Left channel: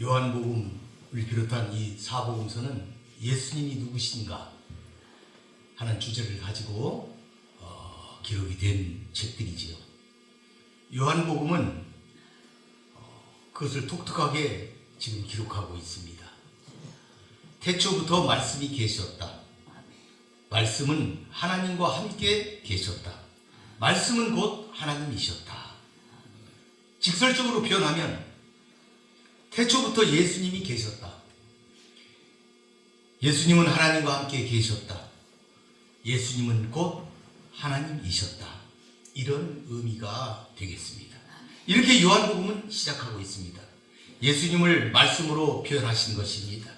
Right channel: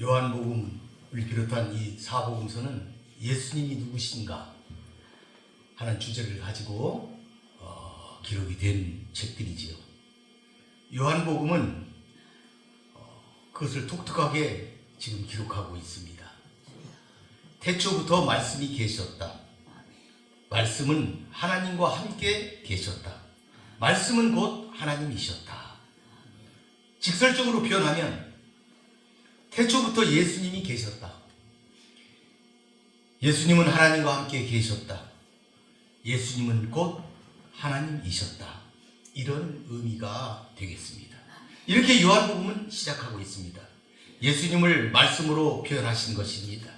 요한복음을 비롯한 이 사복음서는 예수님이 누구신가 하는 주제를 가지고 기록이 된 책들이지요. 요한복음은 그것을 독특하게 지금 기록하고 있습니다. 태초부터 말씀이 계셨다. 말씀은 하나님과 함께 계셨다. 말씀은 곧 하나님이셨다. 직설적으로 표현하면 태초부터 예수님이 계셨다. 예수님은 하나님과 함께 계셨다. 예수님은 곧 하나님이셨다. 이런 의미가 되겠습니다. 이렇게 요한복음은 시작하고 있습니다. 예수님을 말씀으로 표현하신 것입니다.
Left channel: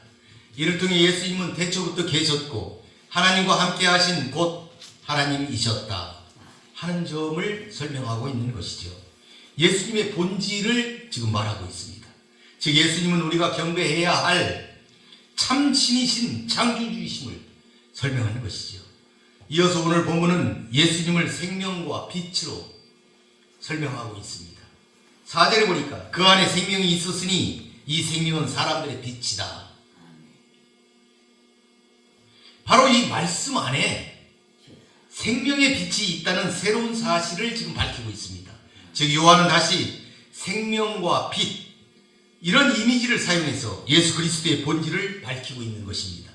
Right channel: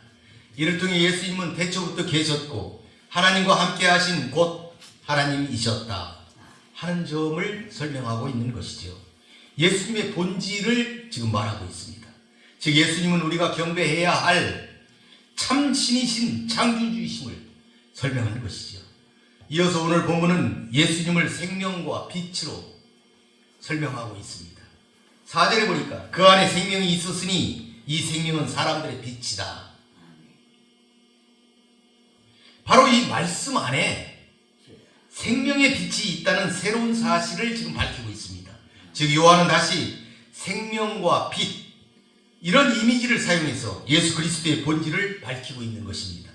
이를 통해 예수님은 태초부터 계셨고 하나님과 함께 하신 곧 하나님이셨다 하는 점을 설명하고 있는 것이죠. 예수님의 본질을 지금 말하고 있습니다. 즉 예수님은 우리가 경배해야 할 참 신이신 창조주이심을 설명하는 것이죠. 이어서 오늘 본문은 예수님을 생명과 빛으로 설명하고 있습니다. 4절에 보니까 그 안에 생명이 있었으니 이 생명은 사람들의 빛이다. 바로 이 말씀 안에 생명의 빛이 있다는 새로운 사실을 지금 밝히고 있습니다. 즉 요한은 다시 생명과 빛 이런 이미지를 사용해서 예수 그리스도의 본질을 밝히고 있는 것입니다.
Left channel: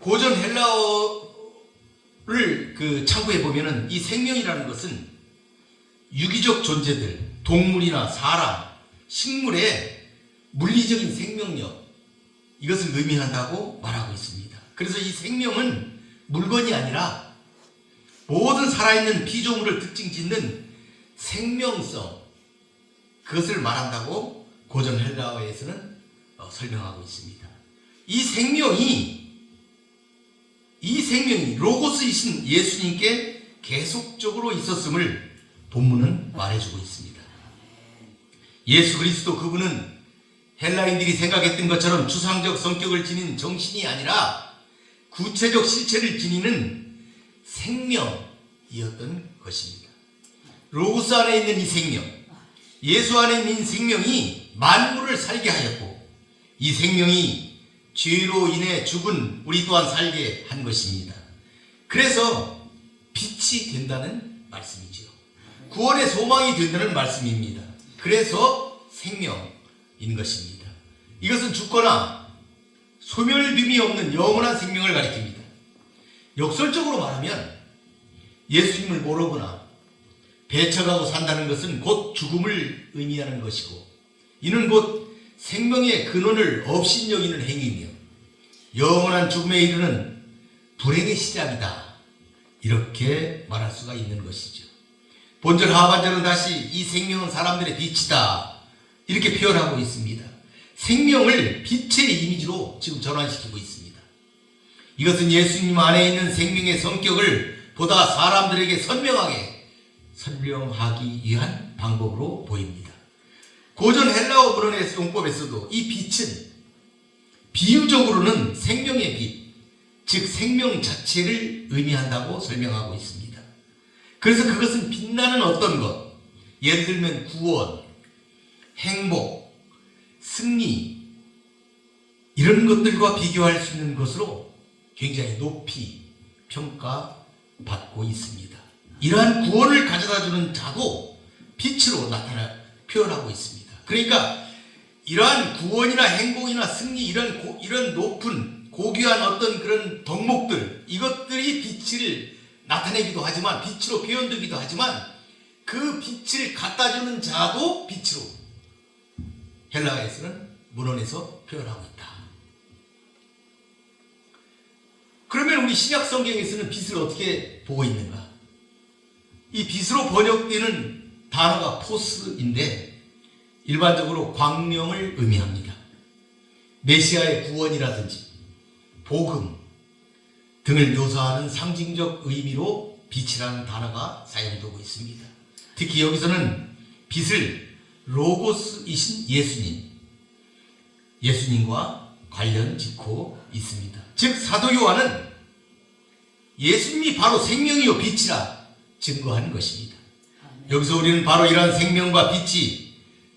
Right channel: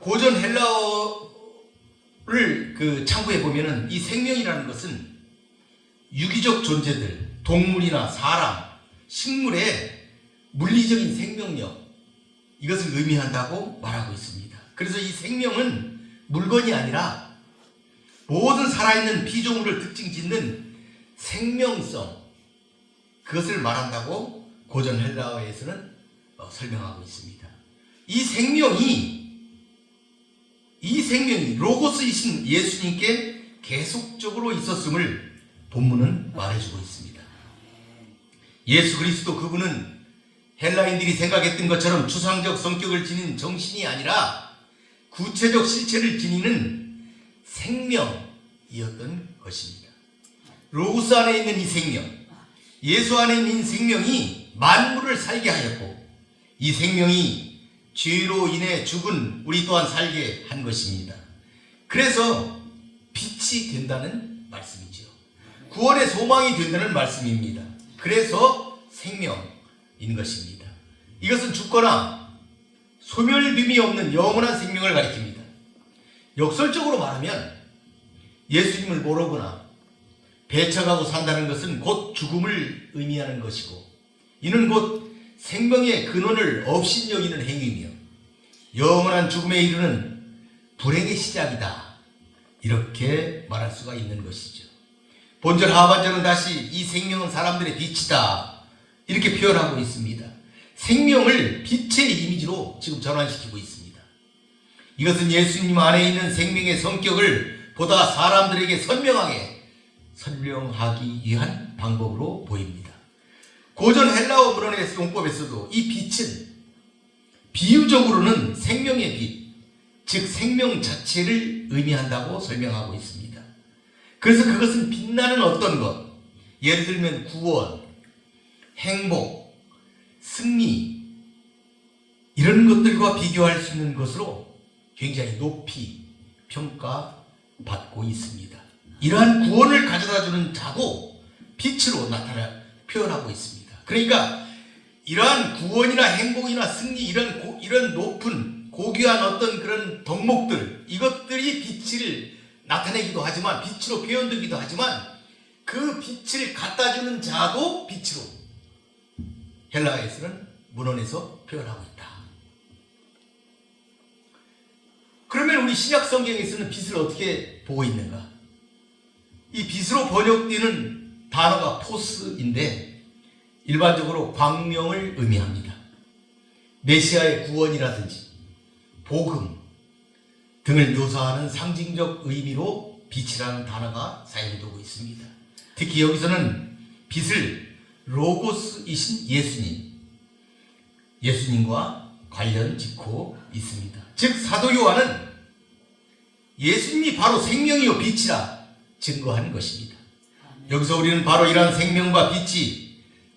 고전 헬라어를 참고해 보면은 이 생명이라는 것은 유기적 존재들, 동물이나 사람, 식물의 물리적인 생명력 이것을 의미한다고 말하고 있습니다. 그래서 이 생명은 물건이 아니라 모든 살아있는 피조물을 특징 짓는 생명성 그것을 말한다고 고전 헬라어에서는 설명하고 있습니다. 이 생명이 로고스이신 예수님께 계속적으로 있었음을 본문은 말해주고 있습니다. 예수 그리스도 그분은 헬라인들이 생각했던 것처럼 추상적 성격을 지닌 정신이 아니라 구체적 실체를 지니는 생명이었던 것입니다. 로고스 안에 있는 이 생명, 예수 안에 있는 생명이 만물을 살게 하였고 이 생명이 죄로 인해 죽은 우리 또한 살게 한 것입니다. 그래서 빛이 된다는 말씀이죠. 구원의 소망이 된다는 말씀입니다. 그래서 생명인 것입니다. 이것은 죽거나 소멸됨이 없는 영원한 생명을 가리킵니다. 역설적으로 말하면 예수님을 모르거나 배척하고 산다는 것은 곧 죽음을 의미하는 것이고 이는 곧 생명의 근원을 업신여기는 행위이며 영원한 죽음에 이르는 불행의 시작이다. 이렇게 말할 수가 있는 것이죠. 본절 하반절은 다시 이 생명은 사람들의 빛이다. 이렇게 표현하고 있습니다. 생명을 빛의 이미지로 지금 전환시키고 있습니다. 이것은 예수님 안에 있는 생명의 성격을 보다 사람들에게 선명하게 설명하기 위한 방법으로 보입니다. 고전 헬라어 문헌의 용법에서도 이 빛은 비유적으로는 생명의 빛, 즉 생명 자체를 의미한다고 설명하고 있습니다. 그래서 그것은 빛나는 어떤 것, 예를 들면 구원, 행복, 승리 이런 것들과 비교할 수 있는 것으로 굉장히 높이 평가받고 있습니다. 이러한 구원을 가져다주는 자도 빛으로 표현하고 있습니다. 그러니까 이러한 구원이나 행복이나 승리 이런 높은 고귀한 어떤 그런 덕목들 이것들이 빛을 나타내기도 하지만 빛으로 표현되기도 하지만 그 빛을 갖다주는 자도 빛으로 헬라어에서는 문헌에서 표현하고 있다. 그러면 우리 신약 성경에서는 빛을 어떻게 보고 있는가? 이 빛으로 번역되는 단어가 포스인데 일반적으로 광명을 의미합니다. 메시아의 구원이라든지 복음 등을 묘사하는 상징적 의미로 빛이라는 단어가 사용되고 있습니다. 특히 여기서는 빛을 로고스이신 예수님과 관련 짓고 있습니다. 즉 사도 요한은 예수님이 바로 생명이요 빛이라 증거한 것입니다. 여기서 우리는 바로 이러한 생명과 빛이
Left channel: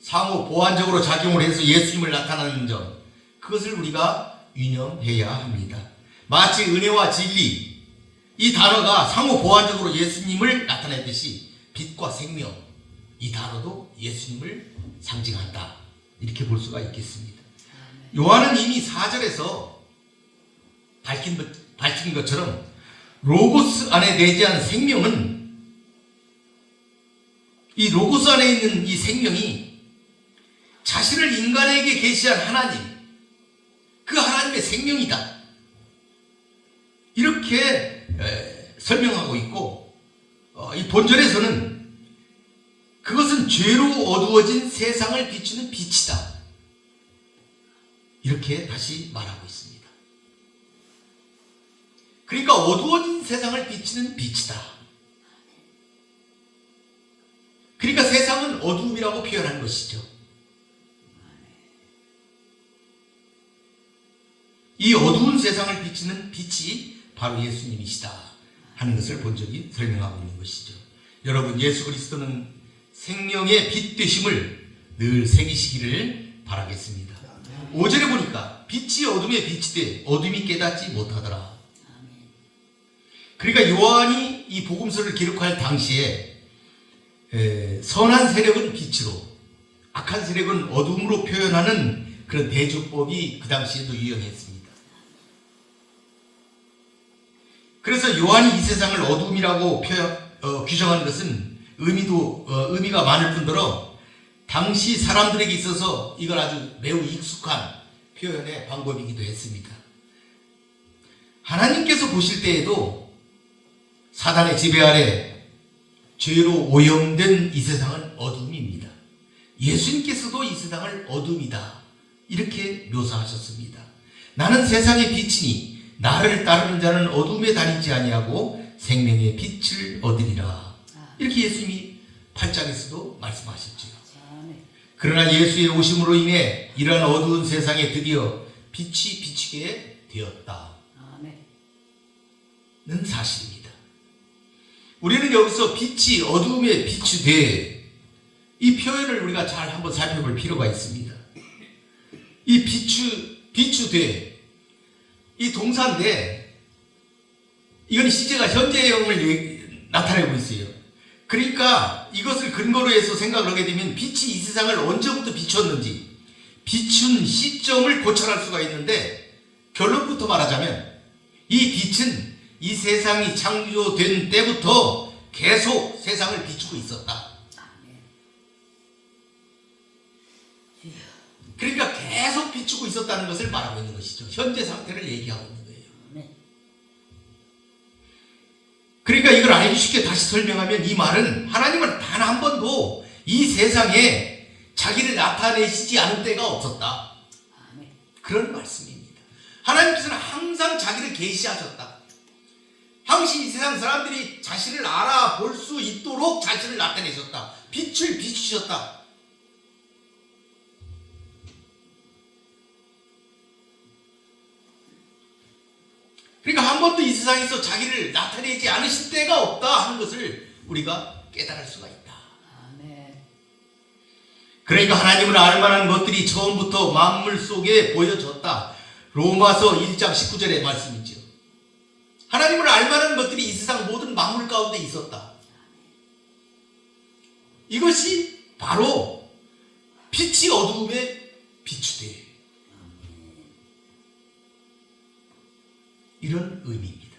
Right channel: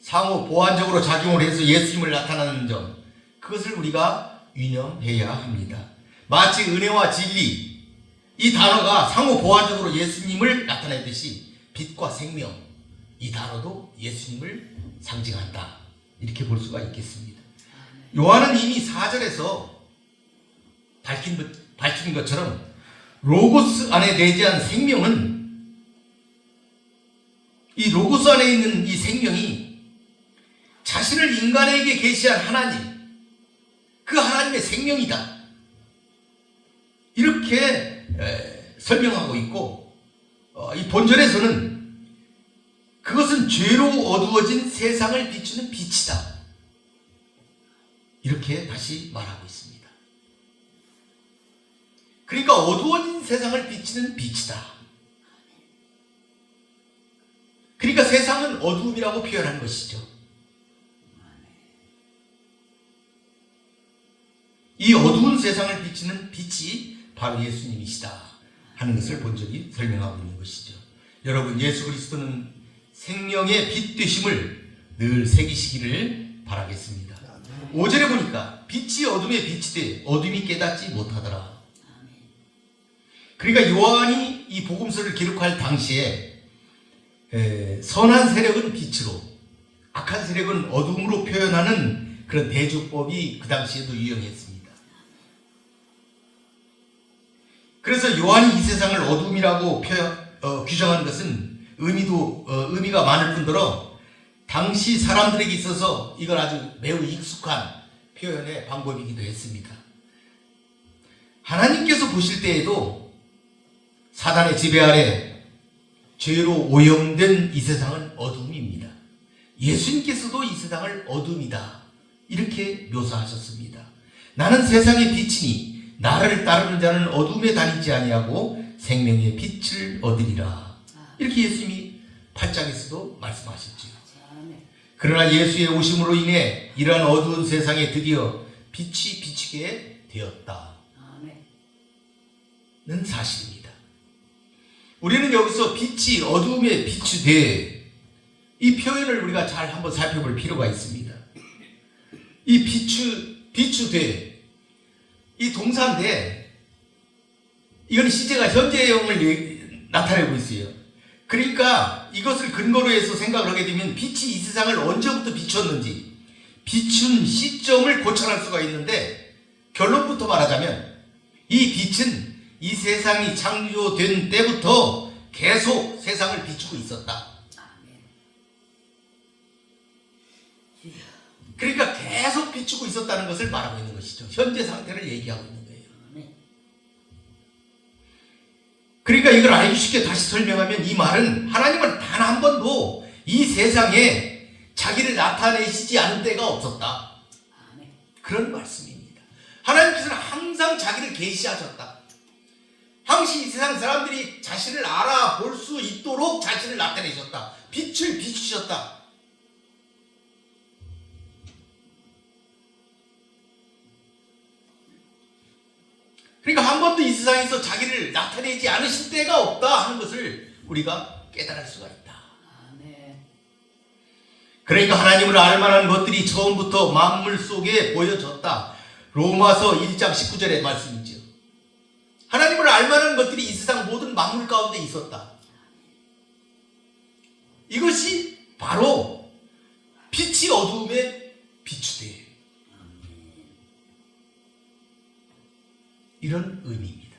상호 보완적으로 작용을 해서 예수님을 나타나는 점, 그것을 우리가 유념해야 합니다. 마치 은혜와 진리, 이 단어가 상호 보완적으로 예수님을 나타내듯이 빛과 생명, 이 단어도 예수님을 상징한다, 이렇게 볼 수가 있겠습니다. 요한은 이미 4절에서 밝힌 것처럼 로고스 안에 내재한 생명은, 이 로고스 안에 있는 이 생명이 자신을 인간에게 계시한 하나님, 그 하나님의 생명이다, 이렇게 설명하고 있고, 이 본절에서는 그것은 죄로 어두워진 세상을 비추는 빛이다, 이렇게 다시 말하고 있습니다. 그러니까 어두워진 세상을 비추는 빛이다. 그러니까 세상은 어두움이라고 표현하는 것이죠. 이 어두운 세상을 비추는 빛이 바로 예수님이시다 하는 것을 본절이 설명하고 있는 것이죠. 여러분, 예수 그리스도는 생명의 빛 되심을 늘 새기시기를 바라겠습니다. 5절에 보니까 빛이 어둠에 빛이 돼 어둠이 깨닫지 못하더라. 그러니까 요한이 이 복음서를 기록할 당시에 선한 세력은 빛으로, 악한 세력은 어둠으로 표현하는 그런 대조법이 그 당시에도 유행했습니다. 그래서 요한이 이 세상을 어둠이라고 규정한 것은 의미가 많을 뿐더러 당시 사람들에게 있어서 이걸 아주 매우 익숙한 표현의 방법이기도 했습니다. 하나님께서 보실 때에도 사단의 지배 아래 죄로 오염된 이 세상은 어둠입니다. 예수님께서도 이 세상을 어둠이다, 이렇게 묘사하셨습니다. 나는 세상의 빛이니 나를 따르는 자는 어둠에 다니지 아니하고 생명의 빛을 얻으리라, 이렇게 예수님이 8장에서도 말씀하셨죠. 그러나 예수의 오심으로 인해 이러한 어두운 세상에 드디어 빛이 비치게 되었다는 사실입니다. 우리는 여기서 빛이 어두움에 빛이 돼, 이 표현을 우리가 잘 한번 살펴볼 필요가 있습니다. 이 비추되, 이 동사인데 이건 시제가 현재형을 나타내고 있어요. 그러니까 이것을 근거로 해서 생각을 하게 되면 빛이 이 세상을 언제부터 비췄는지 비춘 시점을 고찰할 수가 있는데, 결론부터 말하자면 이 빛은 이 세상이 창조된 때부터 계속 세상을 비추고 있었다. 그러니까 계속 비추고 있었다는 것을 말하고 있는 것이죠. 현재 상태를 얘기하고 있는 거예요. 그러니까 이걸 알기 쉽게 다시 설명하면, 이 말은 하나님은 단 한 번도 이 세상에 자기를 나타내시지 않은 때가 없었다, 그런 말씀입니다. 하나님께서는 항상 자기를 계시하셨다. 항상 이 세상 사람들이 자신을 알아볼 수 있도록 자신을 나타내셨다. 빛을 비추셨다. 그러니까 한 번도 이 세상에서 자기를 나타내지 않으신 때가 없다 하는 것을 우리가 깨달을 수가 있다. 그러니까 하나님을 알만한 것들이 처음부터 만물 속에 보여졌다. 로마서 1장 19절의 말씀이죠. 하나님을 알만한 것들이 이 세상 모든 만물 가운데 있었다. 이것이 바로 빛이 어두움에 비추되, 이런 의미입니다.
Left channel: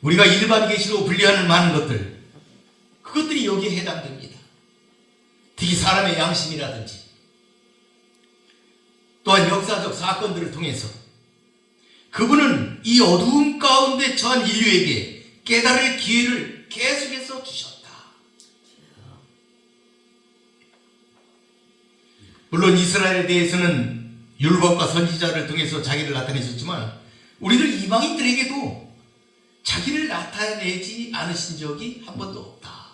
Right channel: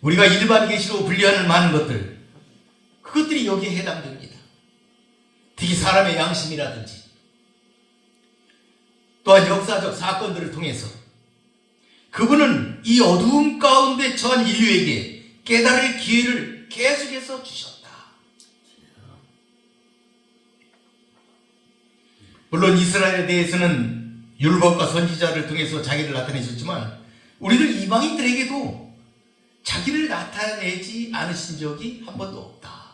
우리가 일반 계시로 분류하는 많은 것들, 그것들이 여기에 해당됩니다. 특히 사람의 양심이라든지 또한 역사적 사건들을 통해서 그분은 이 어두움 가운데 처한 인류에게 깨달을 기회를 계속해서 주셨다. 물론 이스라엘에 대해서는 율법과 선지자를 통해서 자기를 나타내셨지만, 우리는 이방인들에게도 자기를 나타내지 않으신 적이 한 번도 없다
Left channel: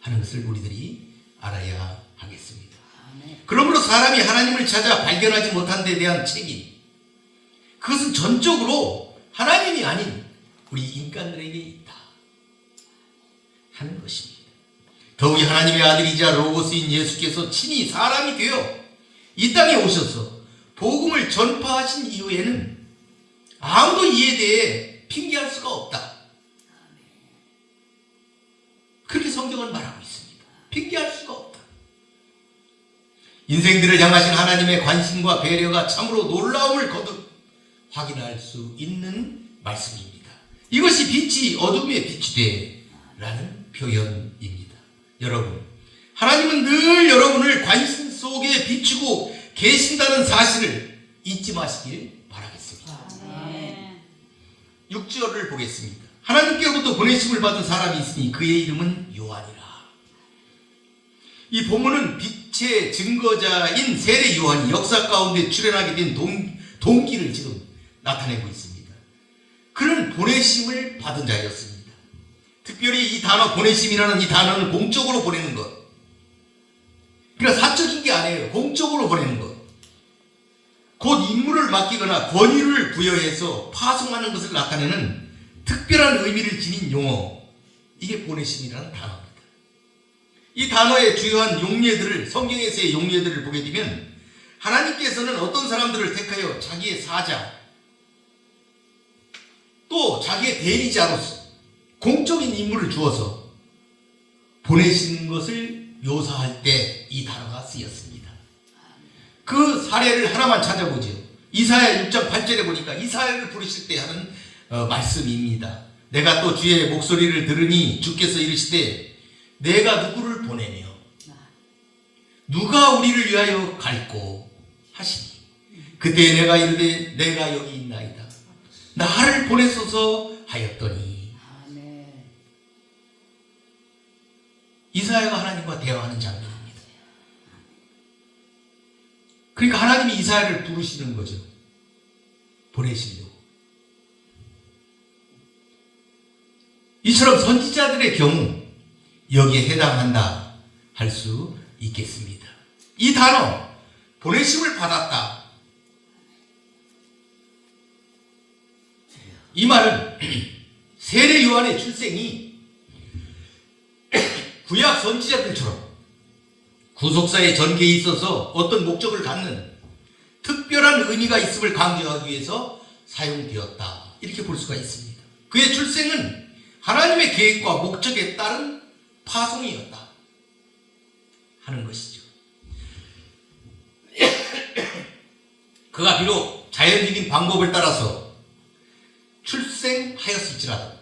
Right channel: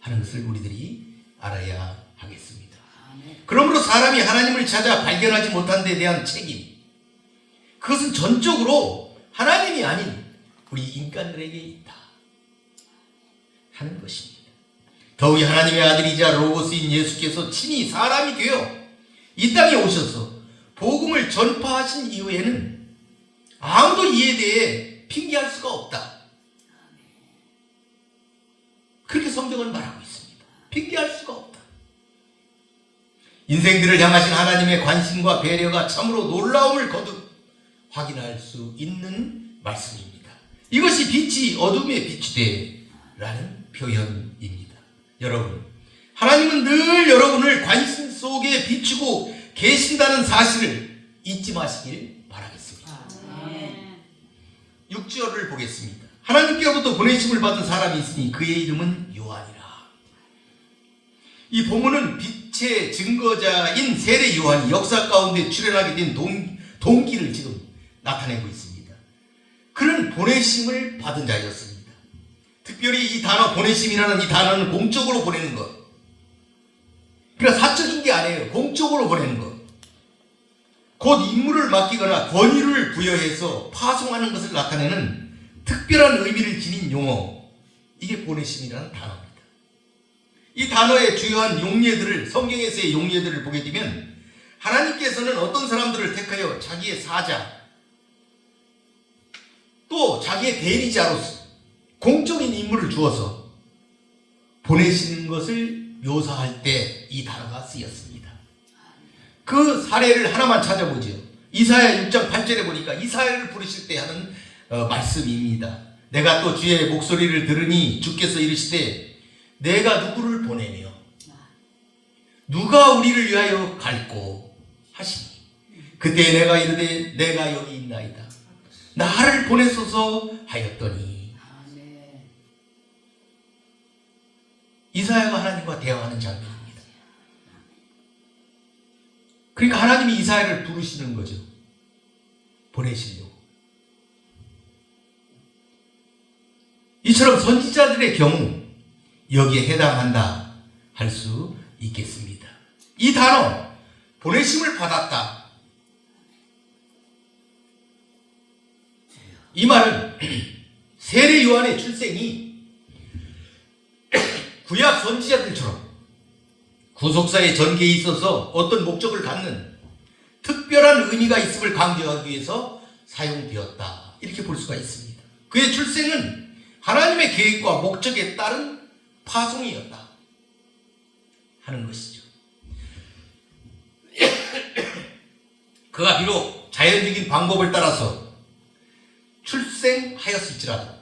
하는 것을 우리들이 알아야 하겠습니다. 그러므로 사람이 하나님을 찾아 발견하지 못한 데 대한 책임, 그것은 전적으로 하나님이 아닌 우리 인간들에게 있다 하는 것입니다. 더욱이 하나님의 아들이자 로고스인 예수께서 친히 사람이 되어 이 땅에 오셔서 복음을 전파하신 이후에는 아무도 이에 대해 핑계할 수가 없다. 그렇게 성경은 말하고 있습니다. 핑계할 수가 없다. 인생들을 향하신 하나님의 관심과 배려가 참으로 놀라움을 거듭 확인할 수 있는 말씀입니다. 이것이 빛이 어둠에 빛이 돼 라는 표현입니다. 여러분, 하나님은 늘 여러분을 관심 속에 비추고 계신다는 사실을 잊지 마시길 바라겠습니다. 6절을 보겠습니다. 하나님께로부터 보내심을 받은 사람이 있으니 그의 이름은 요한이라. 이 본문은 빛의 증거자인 세례 요한이 역사 가운데 출현하게 된 동기를 지금 나타내고 있습니다. 그는 보내심을 받은 자였습니다. 특별히 이 단어 보내심이라는 이 단어는 공적으로 보내는 것. 그러니까 사적인 게 아니에요. 공적으로 보내는 것. 곧 임무를 맡기거나 권위를 부여해서 파송하는 것을 나타내는 특별한 의미를 지닌 용어. 이게 보내심이라는 단어입니다. 이 단어의 주요한 용례들을, 성경에서의 용례들을 보게 되면 하나님께서는 어떤 사람들을 택하여 자기의 사자, 또 자기의 대리자로서 공적인 임무를 주어서 보내시는 것을 묘사할 때 이 단어가 쓰였습니다. 그 사례를 하나만 찾아보죠. 이사야 6장 8절에 보니까 이사야를 부르실 때 하는 말씀입니다. 내가 또 주의 목소리를 들으니 주께서 이르시되 내가 누구를 보내며 누가 우리를 위하여 갈꼬 하시니 그때 내가 이르되 내가 여기 있나이다. 나를 보내소서 하였더니. 이사야가 하나님과 대화하는 장면입니다. 그러니까 하나님이 이사야를 부르시는 거죠. 보내시려고. 이처럼 선지자들의 경우 여기에 해당한다 할 수 있겠습니다. 이 단어 보내심을 받았다. 이 말은 세례 요한의 출생이 구약 선지자들처럼 구속사의 전개에 있어서 어떤 목적을 갖는 특별한 의미가 있음을 강조하기 위해서 사용되었다. 이렇게 볼 수가 있습니다. 그의 출생은 하나님의 계획과 목적에 따른 파송이었다 하는 것이죠. 그가 비록 자연적인 방법을 따라서 출생하였을지라도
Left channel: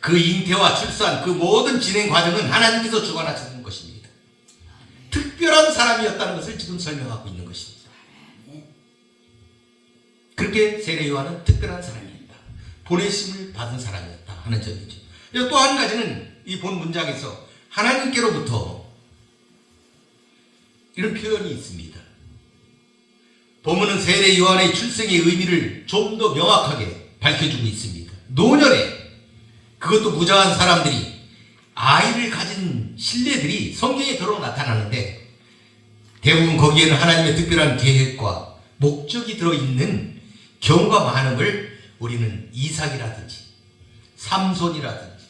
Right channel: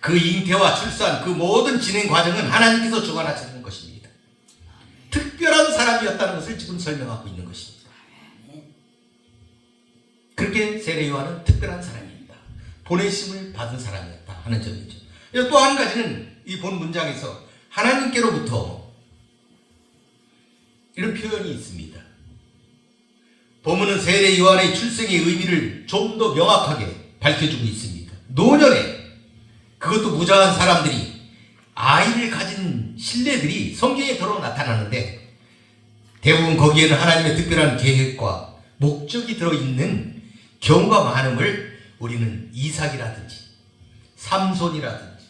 그 잉태와 출산, 그 모든 진행 과정은 하나님께서 주관하시는 것입니다. 특별한 사람이었다는 것을 지금 설명하고 있는 것입니다. 그렇게 세례 요한은 특별한 사람이었다. 보내심을 받은 사람이었다 하는 점이죠. 또 한 가지는 이 본 문장에서 하나님께로부터 이런 표현이 있습니다. 본문은 세례 요한의 출생의 의미를 좀 더 명확하게 밝혀주고 있습니다. 노년에 그것도 무자한 사람들이 아이를 가진 신뢰들이 성경에 더러 나타나는데 대부분 거기에는 하나님의 특별한 계획과 목적이 들어있는 경우가 많음을 우리는 이삭이라든지 삼손이라든지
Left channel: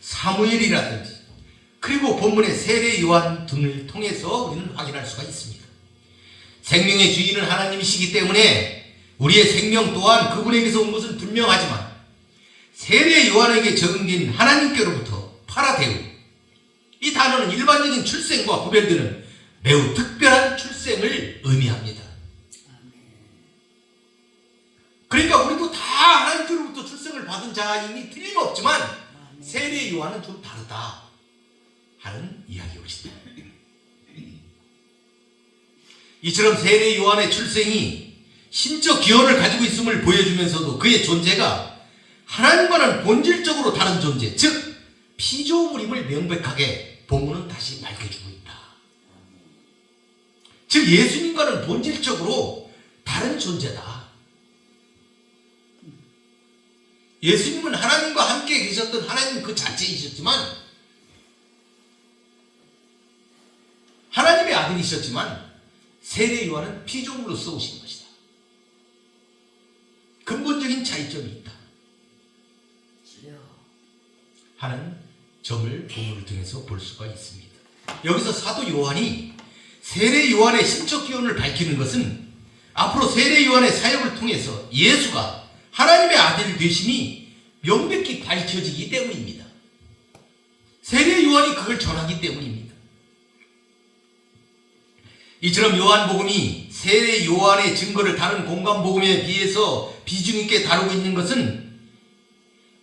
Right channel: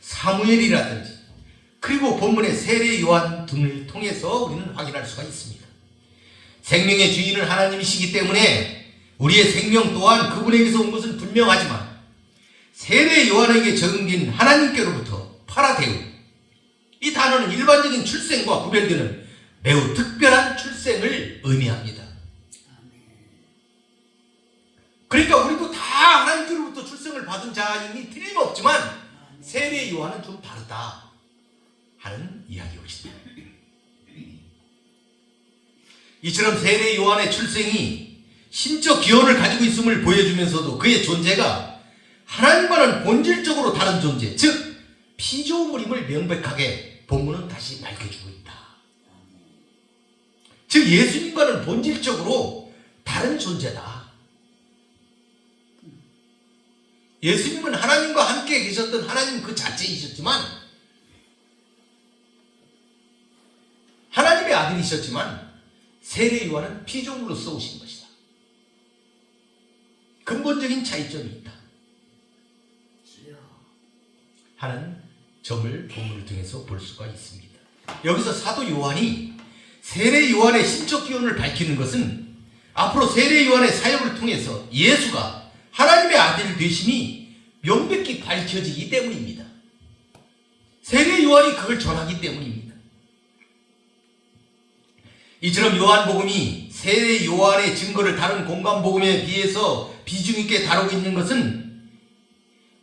사무엘이라든지 그리고 본문의 세례 요한 등을 통해서 우리는 확인할 수가 있습니다. 생명의 주인은 하나님이시기 때문에 우리의 생명 또한 그분에게서 온 것은 분명하지만 세례 요한에게 적용된 하나님께로부터 파라데우, 이 단어는 일반적인 출생과 구별되는 매우 특별한 출생을 의미합니다. 그러니까 우리도 다 하나님께로부터 출생을 받은 자임이 틀림없지만 세례 요한은 좀 다르다 하는 이야기입니다. 이처럼 세례 요한의 출생이 신적 기원을 가지고 있음을 보여주면서도 그의 존재가 하나님과는 본질적으로 다른 존재, 즉 피조물임을 명백하게 본문은 다시 밝혀주고 있다. 즉 예수님과는 본질적으로 다른 존재다. 예수님은 하나님과 함께 계셨던 하나님 그 자체이셨지만 하나님의 아들이셨지만 세례 요한은 피조물로서 오신 것이다. 근본적인 차이점이 있다 하는 점을 본문을 통해서 볼 수가 있습니다. 여기서 사도 요한이 세례 요한의 신적 기원을 밝히는 것은 앞으로 세례 요한의 사역을 통해서 예수가 하나님의 아들 되심이 명백히 밝혀지기 때문입니다. 세례 요한이 그걸 전하기 때문입니다. 이처럼 요한복음이 세례 요한의 증거를 다른 공간복음에 비해서 비중 있게 다루고 있는 것은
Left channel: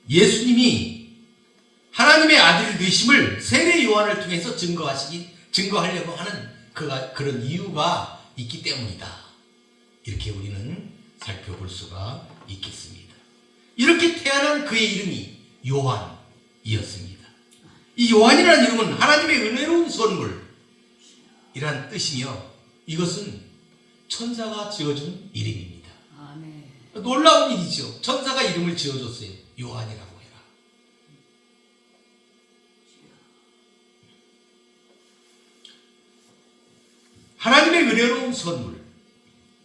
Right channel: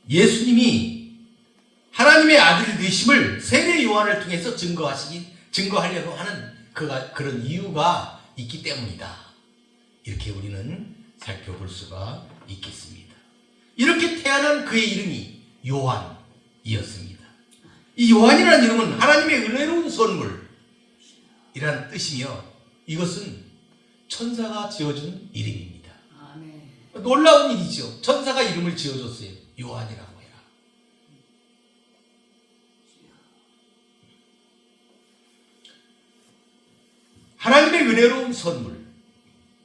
예수님이 하나님의 아들 되심을 세례 요한을 통해서 증거하려고 하는 그런 이유가 있기 때문이다. 이렇게 우리는 살펴볼 수가 있겠습니다. 이렇게 태어난 그의 이름이 요한이었습니다. 이 요한이라는 이름은 하나님의 은혜로운 선물이라는 뜻이며 이것은 천사가 지어준 이름입니다. 놀라운 일이죠. 천사가 이름을 지어줬어요. 요한이라고 해라. 하나님의 은혜로운 선물.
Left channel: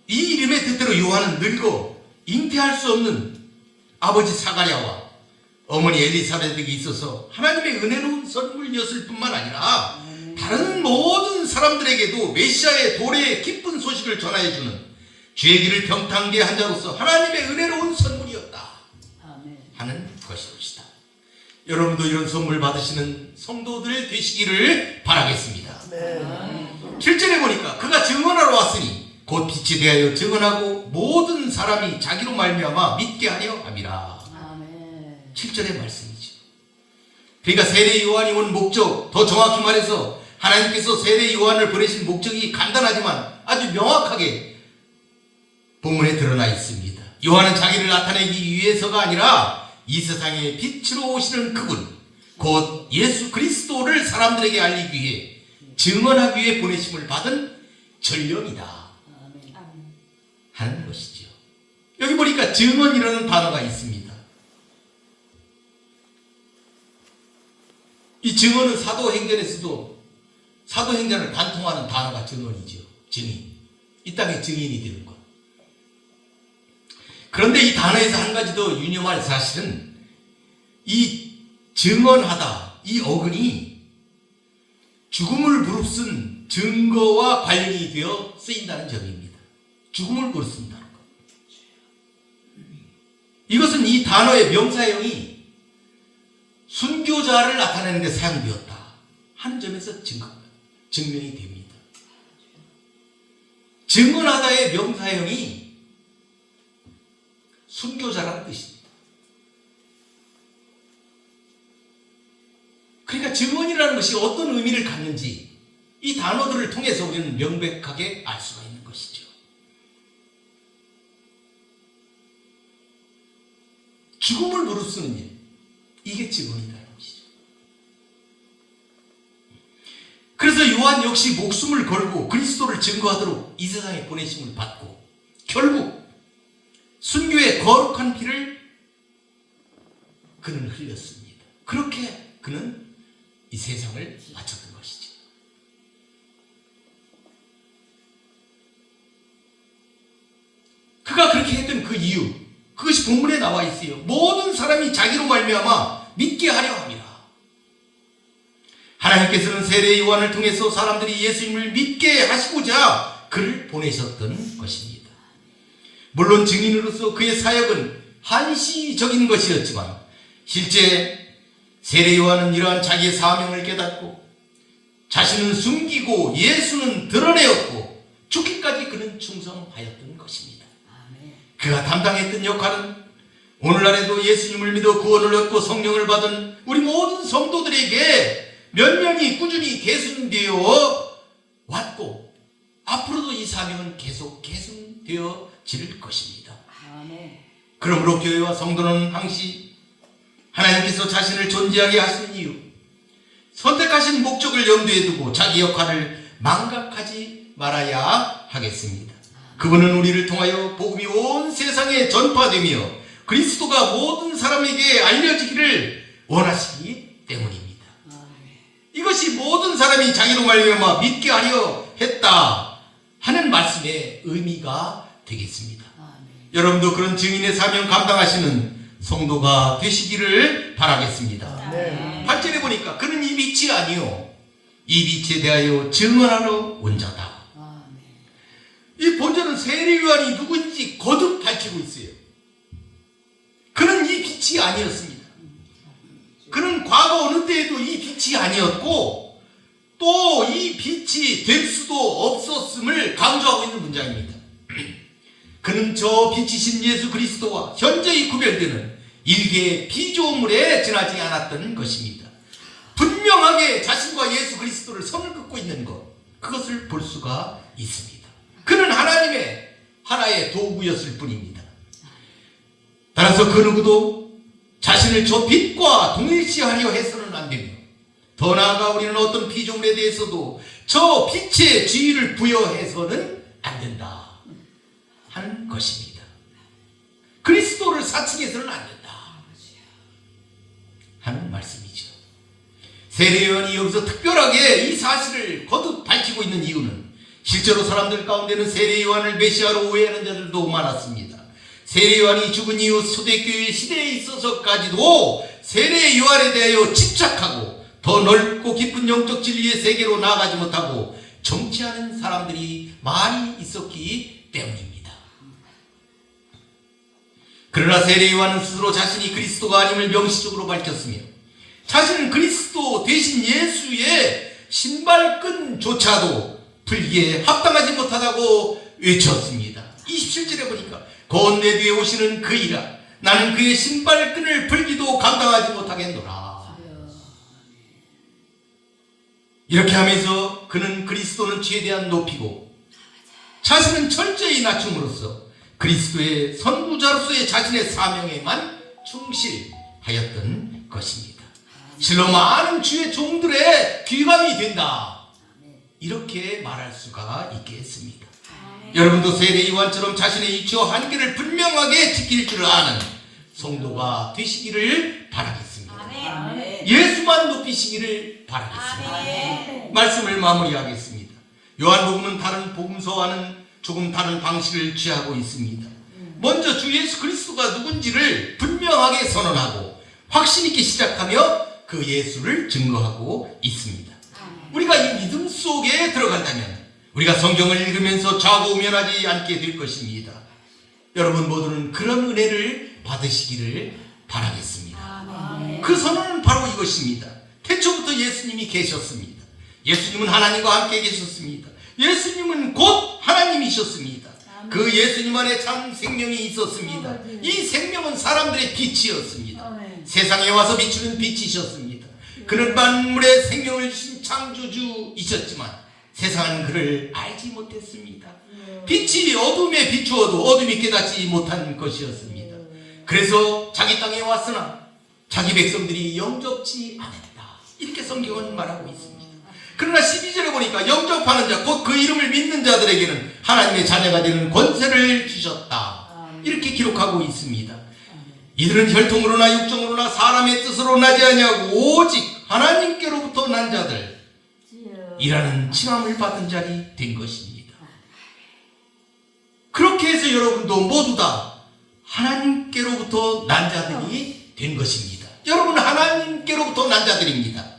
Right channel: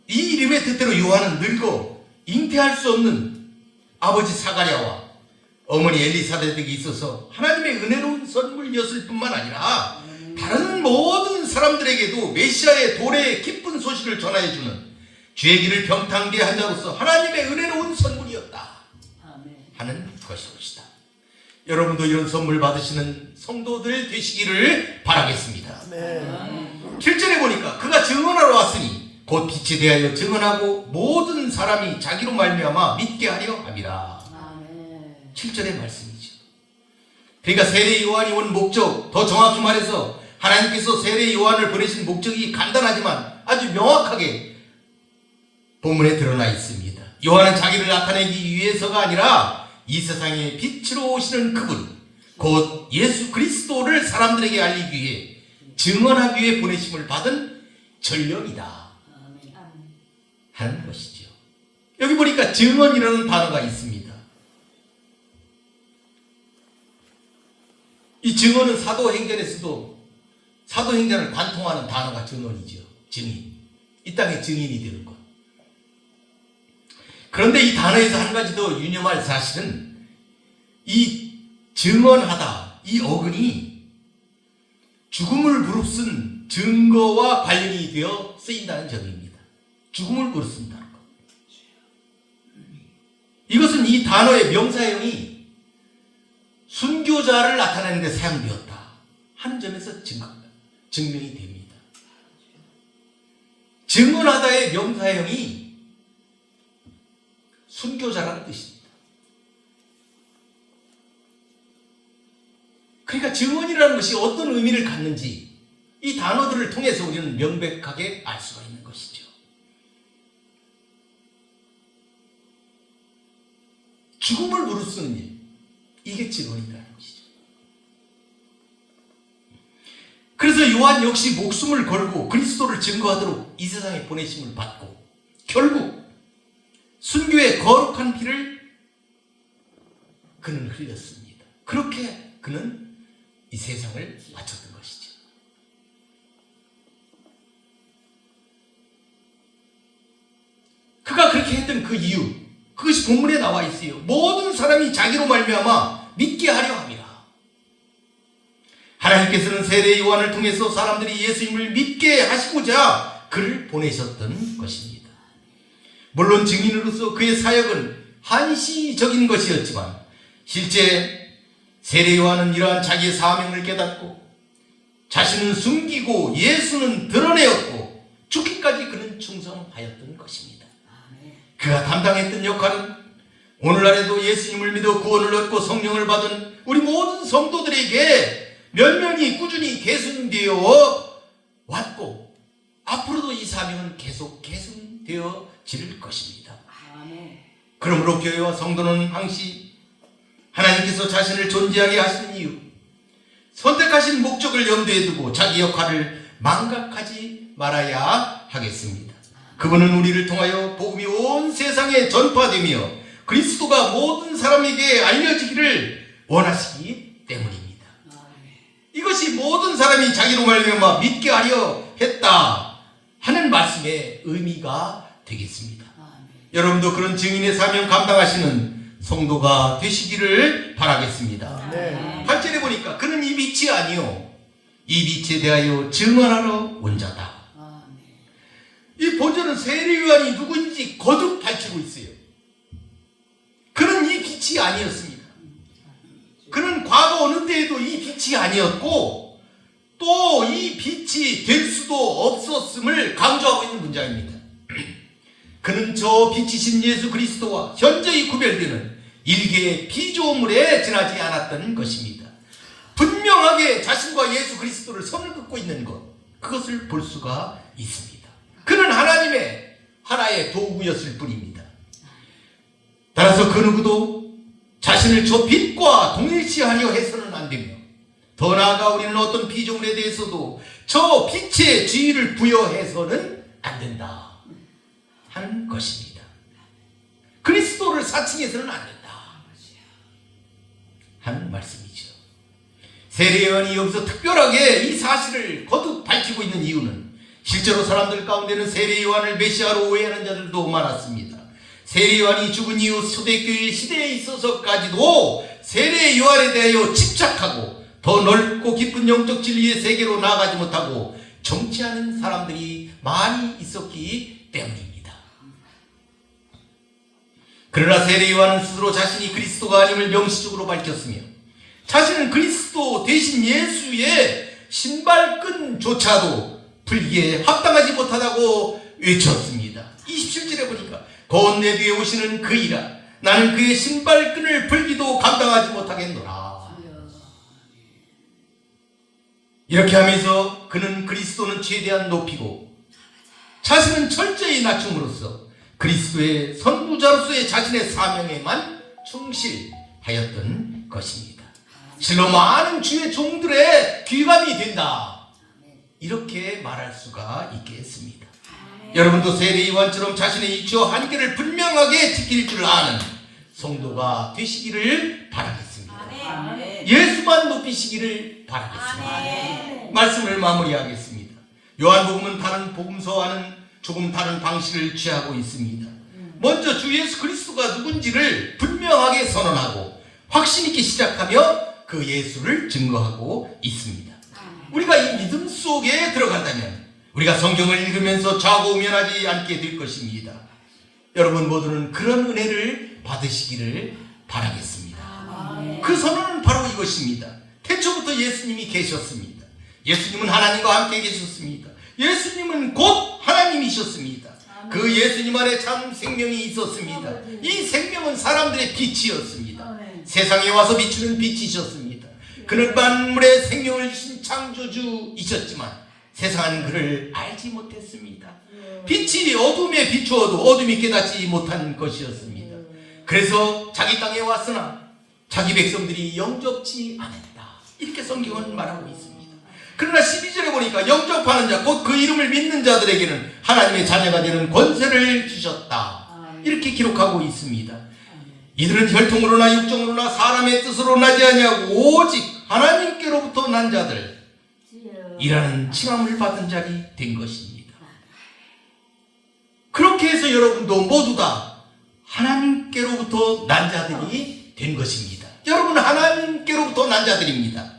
이 이름의 뜻대로 요한은 늙어 잉태할 수 없는 아버지 사가랴와 어머니 엘리사벳에게 있어서 하나님의 은혜로운 선물이었을 뿐만 아니라 다른 모든 사람들에게도 메시아의 도래의 기쁜 소식을 전하여주는 죄의 길을 병탕게 한 자로서 하나님의 은혜로운 선물이었다 하는 것이옵시다. 여러분도 이런 선물 받으시는 성도들 되시기를 바라겠습니다. 7절에 보니까 그가 증언하러 왔으니 곧 빛이 대하여 증언하고 모든 사람이 자기로 말미암아 믿게 하려 함이라. 7절의 말씀이죠. 그러니까 세례 요한이 온 목적, 더 정확히 말해서 하나님께서 세례 요한을 보내신 목적이 간단하지만 아주 명확하게 본문에 드러나 있습니다. 요한은 자기를 나타내기 위해서가 아니라 이 세상에 빛으로 오시는 그분, 곧 예수 그리스도를 사람들에게 알리기 위해 증언하기 위해 보내심을 받은 전령이다 하는 것이죠. 여기 보니까 증언이라는 단어가 있습니다. 이 증언은 사도행전에서도 사도행전을 관통하는 단어가 증언이죠. 증인. 이 땅에 증인이 되는 것. 그런데 이 단어에서 한 가지 더 유념할 사실은 이 증언하다, 이 어근이 죽음을 무릅쓴 증거와 관련이 되어 쓰인다는 점입니다. 죽음을 무릅쓴다는 것. 이것은 이 단어의 명사형이 순교자를 나타내는 데 사용되었다 하는 점에서 증명이 됩니다. 증언하다의 명사형이 순교자라는 뜻입니다. 그러니까 증언이라는 것이 어떤 의미를 갖는지 이 단어들을 통해서 우리는 명백하게 알 수가 있는 것이죠. 죽음을 무릅쓰는 일, 이게 증언이라는 것이죠. 그래서 요한 역시 목숨을 걸고 그리스도를 증거하도록 이 세상에 보내심을 받고 결국 순교의 거룩한 피를 그는 흘렸습니다. 그렇게 그는 이 세상을 바쳤던 것이죠. 그가 그렇게 했던 그 이유, 그것이 본문에 나와 있어요. 모든 사람이 자기로 말미암아 믿게 하려 합니다. 하나님께서는 세례 요한을 통해서 사람들이 예수님을 믿게 하시고자 그를 보내셨던 것입니다. 물론 증인으로서 그의 사역은 한시적인 것이었지만 실제 세례 요한은 이러한 자기의 사명을 깨닫고 자신은 숨기고 예수는 드러내었고 죽기까지 그는 충성하였던 것입니다. 그가 담당했던 역할은 오늘날에도 예수님을 믿어 구원을 얻고 성령을 받은 우리 모든 성도들에게 면면히 꾸준히 계승되어 왔고 앞으로도 이 사명은 계속 계승되어질 것입니다. 그러므로 교회와 성도는 항시 하나님께서 자신을 존재하게 하시는 이유, 선택하신 목적을 염두에 두고 자기 역할을 망각하지 말아야 하겠습니다. 그분은 우리를 통하여 복음이 온 세상에 전파되며 그리스도가 모든 사람에게 알려지기를 원하시기 때문입니다. 이것이 모든 사람이 자기로 말미암아 믿게 하려 했다 하는 말씀의 의미가 되겠습니다. 여러분도 그런 증인의 사명 감당하시는 성도가 되시기를 바라겠습니다. 네. 8절에 보니까 그는 이 빛이 아니요 이 빛에 대하여 증언하러 온 자다. 이 본절은 세례요한이 누군지 거듭 밝히고 있어요. 그는 이 빛이 아니었습니다. 그는 과거 어느 때에도 이 빛이 아니었고 또 이 빛이 될 수도 없었음을 강조하고 있는 문장입니다. 그는 저 빛이신 예수 그리스도와 현저히 구별되는 일개의 피조물에 지나지 않았던 것입니다. 분명하게 자신과 예수 그리스도를 선을 긋고 있는 것, 그것을 볼 수가 있습니다. 그는 하나님의 하나의 도구였을 뿐입니다. 따라서 그 누구도 자신을 저 빛과 동일시하려 해서는 안 됩니다. 더 나아가 우리는 어떤 피조물에 대해서도 저 빛의 지위를 부여해서는 안 된다 하는 것입니다. 그리스도를 사칭해서는 안 된다 하는 말씀이죠. 세례요한이 여기서 특별하게 이 사실을 거듭 밝히고 있는 이유는 실제로 사람들 가운데는 세례요한을 메시아로 오해하는 자들도 많았습니다. 세례요한이 죽은 이후 초대교회 시대에 있어서까지도 세례요한에 대하여 집착하고 더 넓고 깊은 영적 진리의 세계로 나아가지 못하고 정치하는 사람들이 많이 있었기 때문입니다. 그러나 세례요한은 스스로 자신이 그리스도가 아님을 명시적으로 밝혔으며 자신은 그리스도 대신 예수의 신발끈조차도 풀기에 합당하지 못하다고 외쳤습니다. 27절에 보니까 곧 내 뒤에 오시는 그이라 나는 그의 신발끈을 풀기도 감당하지 못하겠노라. 이렇게 하면서 그는 그리스도는 최대한 높이고 자신은 철저히 낮춤으로써 그리스도의 선구자로서의 자신의 사명에만 충실하였던 것입니다. 실로 많은 주의 종들의 귀감이 된다, 이렇게 말할 수가 있겠습니다. 여러분도 세례 요한처럼 자신의 이치와 한계를 분명하게 지킬 줄 아는 성도가 되시기를 바라겠습니다. 예수만 높이시기를 바라겠습니다. 말씀을 마무리하겠습니다. 요한복음은 다른 복음서와는 조금 다른 방식을 취하고 있습니다. 먼저 주 예수 그리스도가 누군지를 분명하게 선언하고 확신 있게 시작하며 그 예수를 증거하고 있습니다. 우리가 이 믿음 속에 들어간다면 우리가 성경을 읽으면서 좌고우면하지 않게 될 것입니다. 여러분 모두는 그런 은혜를 받으시기를 바라겠습니다. 그 선언은 바로 이것입니다. 태초부터 예수님이 계셨습니다. 예수님은 하나님과 함께 계셨습니다. 예수님은 곧 하나님이셨습니다. 그 예수님 안에 참 생명이 있었습니다. 이 생명은 사람들의 빛이었습니다. 세상에 와서 비추는 빛이셨습니다. 그는 만물의 생명을 주신 창조주이셨지만 세상은 그를 알지 못했습니다. 빛이 어둠에 비추어도 어둠이 깨닫지 못한 것이었습니다. 그래서 자기 땅에 왔으나 자기 백성들이 영접지 않았다, 이렇게 성경은 말하고 있습니다. 그러나 12절에 보니까 영접하는 자, 곧 그 이름을 믿는 자들에게는 하나님의 자녀가 되는 권세를 주셨다, 이렇게 기록하고 있습니다. 이들은 혈통으로나 육정으로나 사람의 뜻으로 나지 아니하고 오직 하나님께로부터 난 자들, 이라는 칭함을 받은 자리 된 것입니다. 그렇게 해서 여러분도 모두 다 하나님께로부터 난 자들이 된 것입니다. 여러분은 하나님께로부터 난 자들입니다.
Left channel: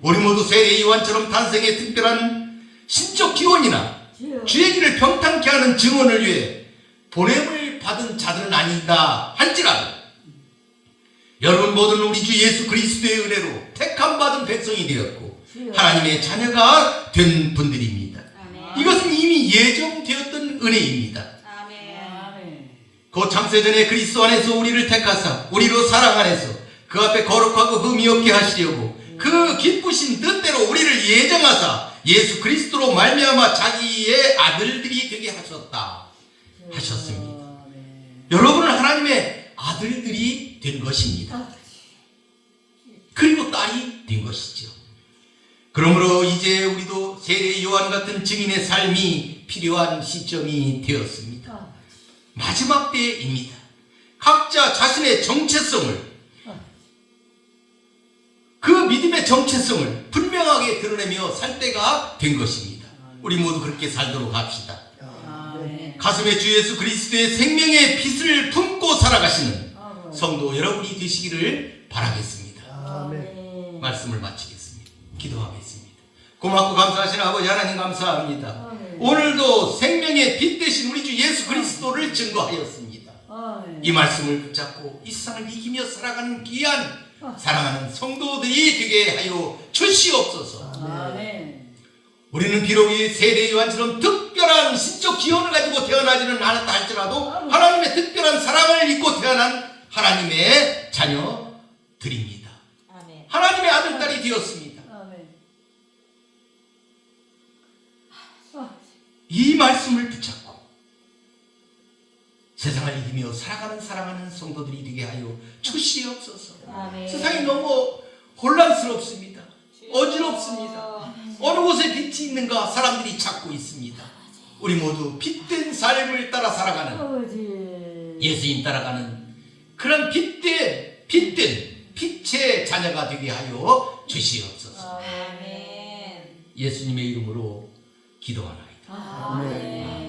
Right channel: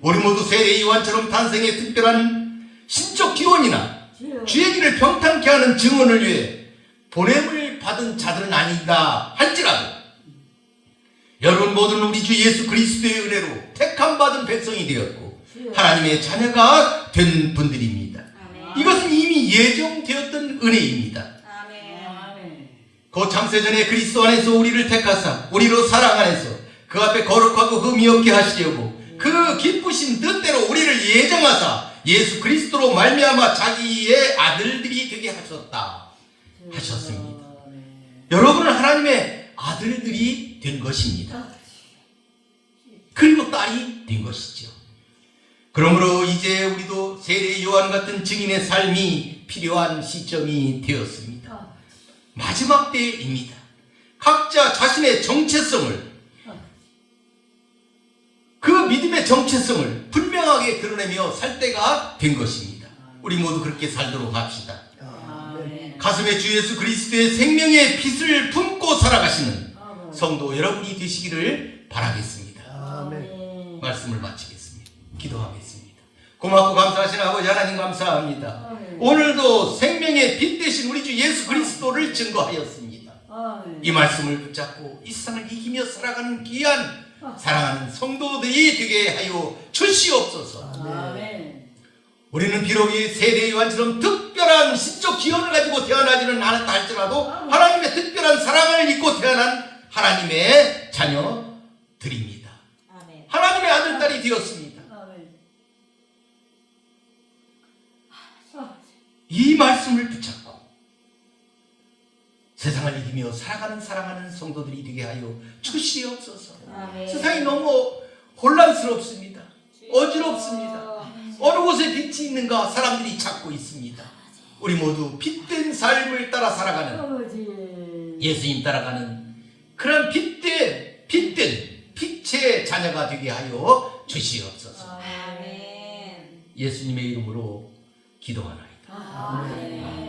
우리 모두 세례 요한처럼 탄생의 특별한 신적 기원이나 주의 길을 평탄케 하는 증언을 위해 보냄을 받은 자들은 아니다 할지라도 여러분 모두는 우리 주 예수 그리스도의 은혜로 택함받은 백성이 되었고 하나님의 자녀가 된 분들입니다. 이것은 이미 예정되었던 은혜입니다. 그 창세전에 그리스도 안에서 우리를 택하사 우리로 사랑 안에서 그 앞에 거룩하고 흠이 없게 하시려고 그 기쁘신 뜻대로 우리를 예정하사 예수 그리스도로 말미암아 자기의 아들들이 되게 하셨습니다. 여러분은 하나님의 아들들이 된 것입니다. 그리고 딸이 된 것이죠. 그러므로 이제 우리도 세례 요한 같은 증인의 삶이 필요한 시점이 되었습니다. 마지막 때입니다. 각자 자신의 정체성을, 그 믿음의 정체성을 분명하게 드러내며 살 때가 된 것입니다. 우리 모두 그렇게 살도록 합시다. 가슴에 주 예수 그리스도의 생명의 빛을 품고 살아가시는 성도 여러분이 되시기를 바라겠습니다. 아멘. 말씀을 마치겠습니다. 기도하겠습니다. 고맙고 감사하신 아버지 하나님 감사합니다. 오늘도 생명의 빛 되신 우리 주 예수 그리스도를 증거하였습니다. 이 말씀을 붙잡고 이 세상을 이기며 살아가는 귀한 사랑하는 성도들이 되게 하여 주시옵소서. 우리는 비록 이 세대 요한처럼 특별한 신적 기원을 가지고 태어나지는 않았다 할지라도 하나님의 특별한 사랑을 믿고 태어난 하나님의 자녀들입니다. 하나님의 아들, 딸이 되었습니다. 이 말씀을 붙잡고 세상을 이기며 살아가는 사랑하는 성도들이 되게 하여 주시옵소서. 세상이 너무 혼란스럽습니다. 어지럽습니다. 어느 곳에 빛이 있는가 사람들이 찾고 있습니다. 우리 모두 빛된 삶을 따라 살아가는, 예수님 따라가는 그런 빛된 빛의 자녀가 되게 하여 주시옵소서. 예수님의 이름으로 기도하나이다. 아멘.